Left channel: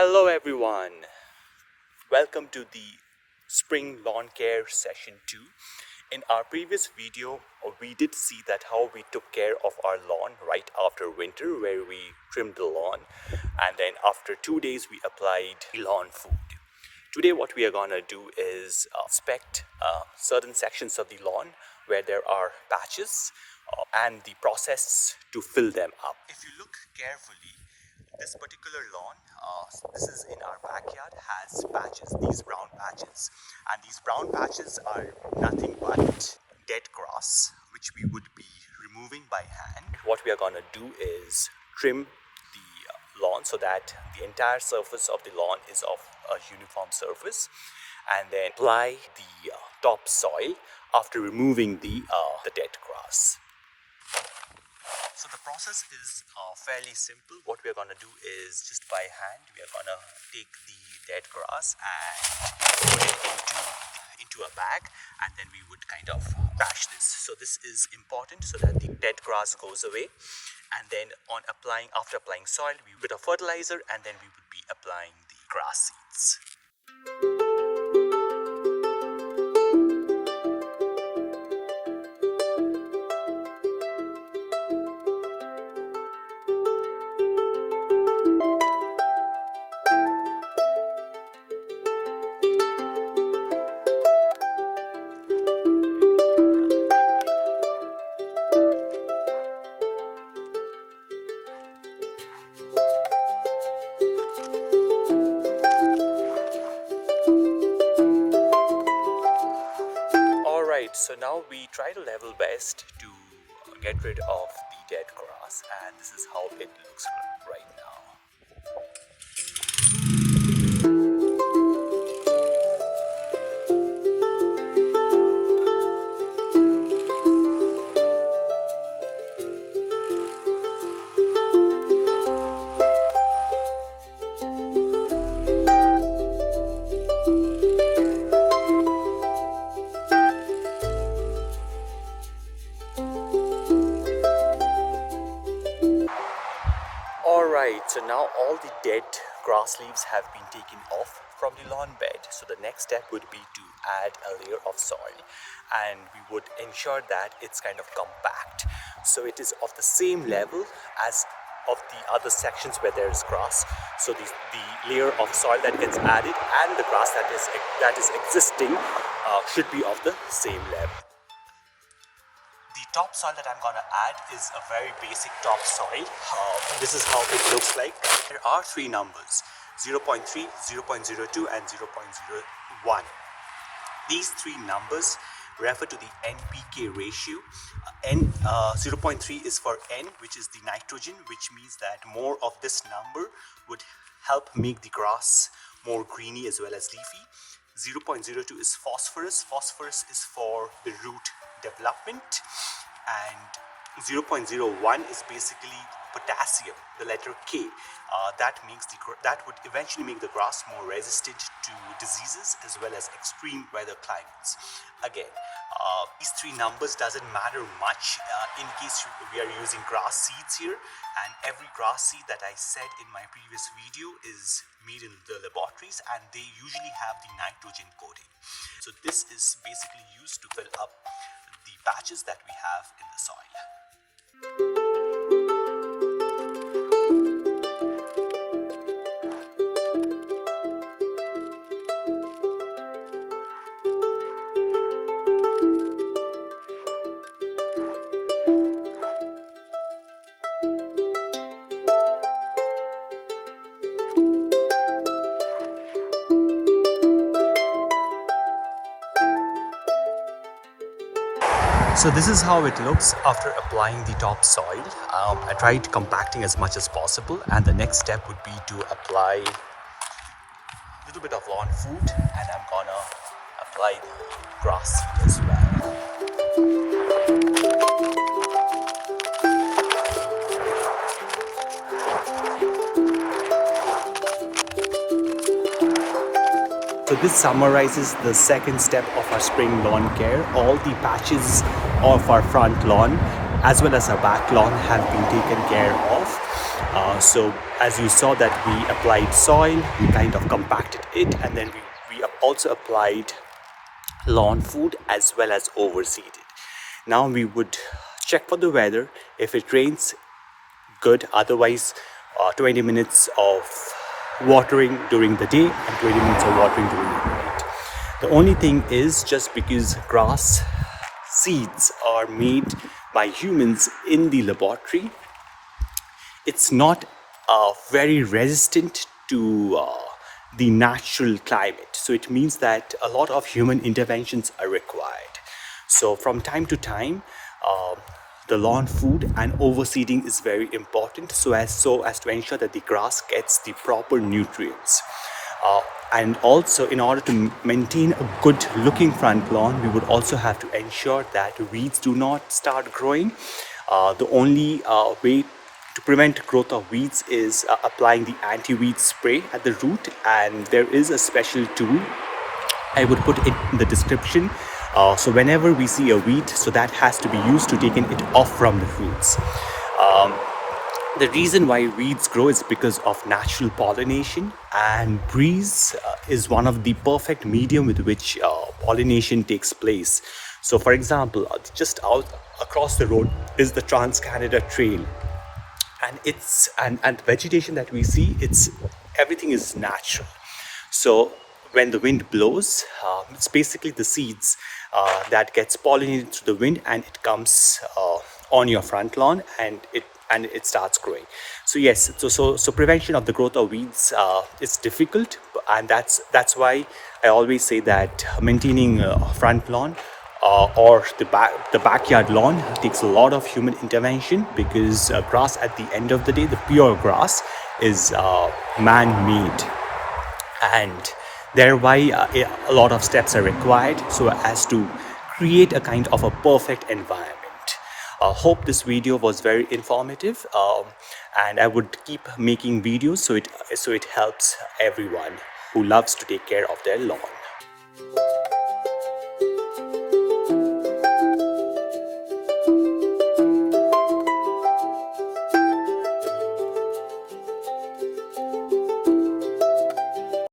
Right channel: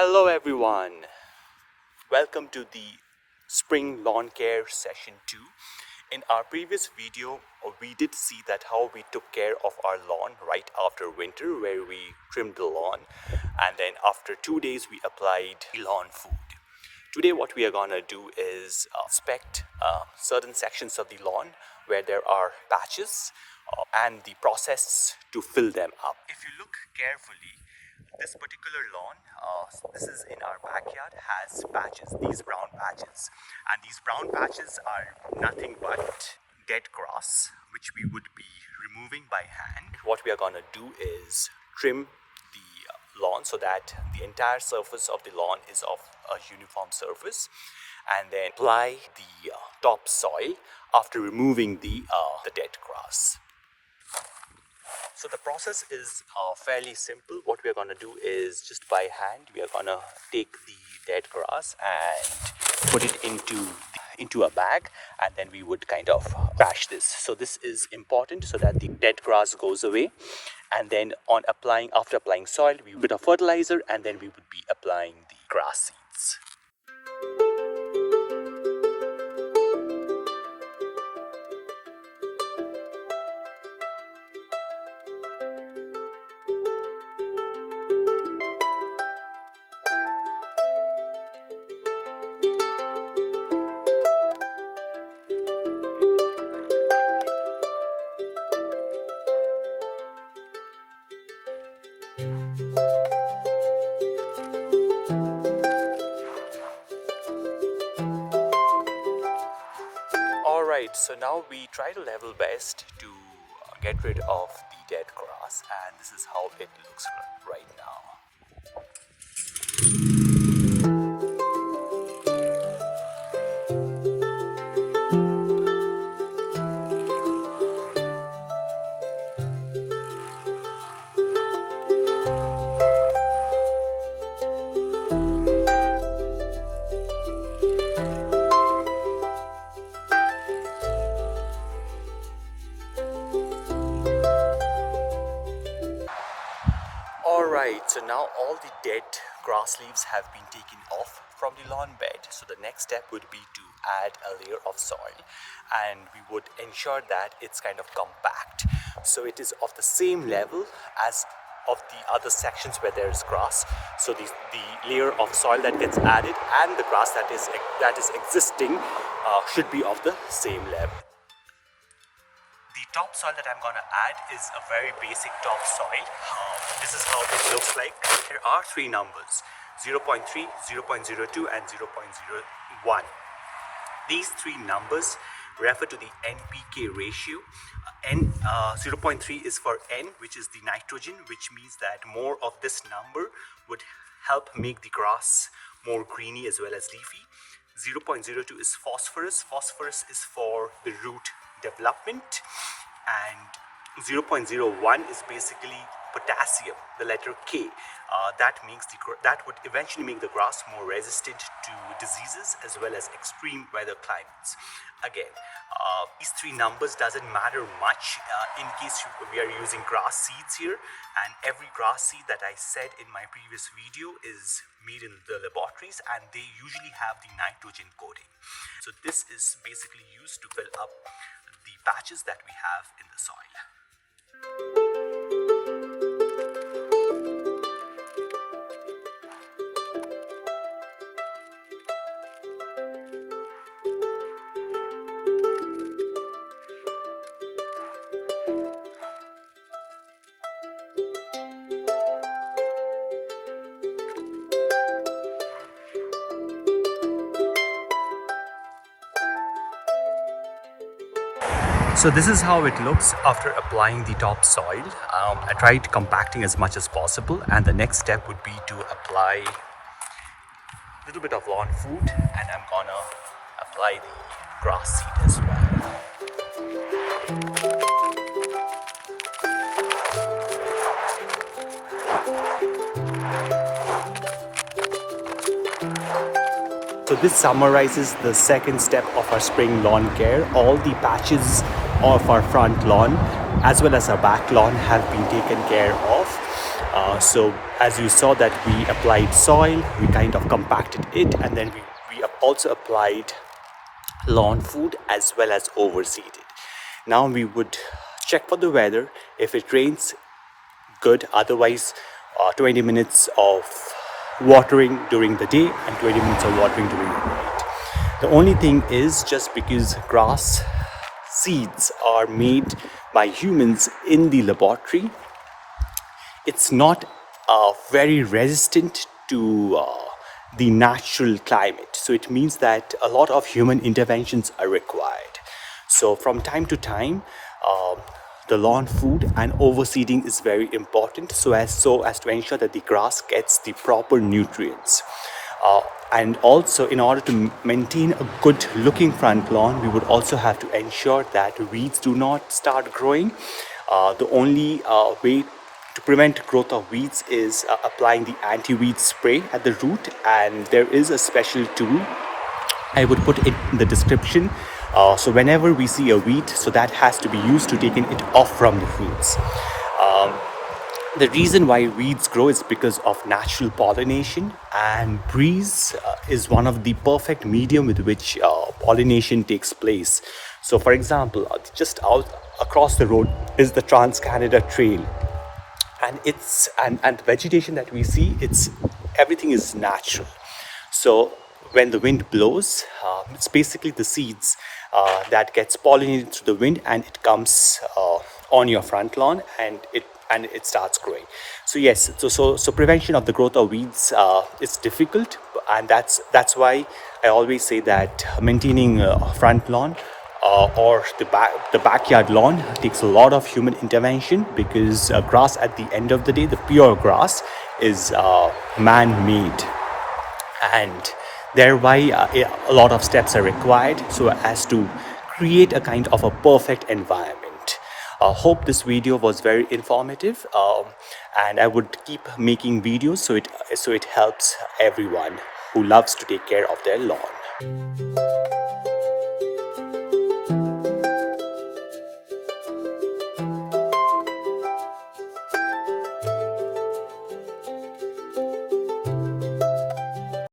Hello everyone, welcome to the Spring Lawn Care Session 2. In our previous video, we did see that how we took care of our lawn right after winter, where we trimmed the lawn and then after 2 days we applied lawn food. Today what we are gonna do is inspect certain sections of the lawn where there are patches and the process to fill them up. If you look carefully, this particular lawn, this is in our backyard, has patches, these brown patches. And these brown patches are nothing but dead grass, which we would be removing by hand. What we are going to do is trim the lawn so that the entire surface of the lawn is of a uniform surface, and then apply the topsoil after removing the dead grass. So the process is fairly simple. What we are going to do is just by hand, we are going to take the dead grass and put it into a bag, and then we would kind of trash this. So this is important so that the dead grass goes away. And then after applying soil, we would put a fertilizer, and then we would be applying the grass seeds. Alright, so now we try to level best to get rid of the dead grass, and this is how it looks right now. Alright, so now all the dead grass leaves have been taken off from the lawn bed. So the next step would be to add a layer of soil, and we would ensure that it's kind of compact. So it is of the same level as of the other sections where there is grass. So the layer of soil that gets added and the grass that is existing should be of the same level. The topsoil that I'm gonna add is a very basic topsoil. This is how it looks like. There are three numbers: 0.3, 0.02 and 0.01. These three numbers refer to the NPK ratio. 0.3 is for N, which is the nitrogen, which means that more of this number would help make the grass more greeny as well as leafy. 0.02 is phosphorus. Phosphorus is for the root development, and 0.01 is basically potassium, the letter K. That would eventually make the grass more resistant to diseases as well as extreme weather climates. Again, these three numbers doesn't matter much in case we are using grass seeds here, and every grass seed that I said in my previous video is made in the laboratories, and they usually have the nitrogen coating. So this is basically used to fill up the patches that we have in the soil. So this is how it looks after applying the topsoil. I tried compacting as much as possible, and the next step would be to apply a little bit of lawn food, and I'm gonna apply the grass seed as well. So this summarizes the second step of our spring lawn care. All the patches of our front lawn as well as our back lawn have been taken care of. So as you saw that we applied soil, we kind of compacted it, and then we also applied lawn food as well as overseeded. Now we would check for the weather. If it rains, good. Otherwise, 20 minutes of watering during the day and 20 minutes of watering during the night. The only thing is, just because grass seeds are made by humans in the laboratory, it's not very resistant to the natural climate. So it means that a lot of human interventions are required. So from time to time, the lawn food and overseeding is very important, so as to ensure that the grass gets the proper nutrients. And also, in order to maintain a good looking front lawn, we would also have to ensure that weeds do not start growing. The only way to prevent growth of weeds is applying the anti-weed spray at the root, and there is a special tool. I would put it in the description. So whenever we see a weed, so that has to be used to taking it off from the roots. The reason why weeds grow is because of natural pollination, and breeze is one of the perfect medium with which pollination takes place. So for example, just out across the road is the Trans-Canada Trail, and the vegetation that we see, everything is natural. So when the wind blows, it's basically the seeds that gets pollinated through the wind, and it comes on your front lawn, and it starts growing. So yes, so prevention of the growth of weeds is difficult, and that's why I always say that maintaining front lawn or the backyard lawn takes a lot of human intervention, because grass, at the end of the day, the pure grass, is man-made, and thereby a lot of steps are required so as to create a kind of a perfect environment. Hope this video was very informative, and I would keep making videos so it helps everyone who loves to take care of their lawn.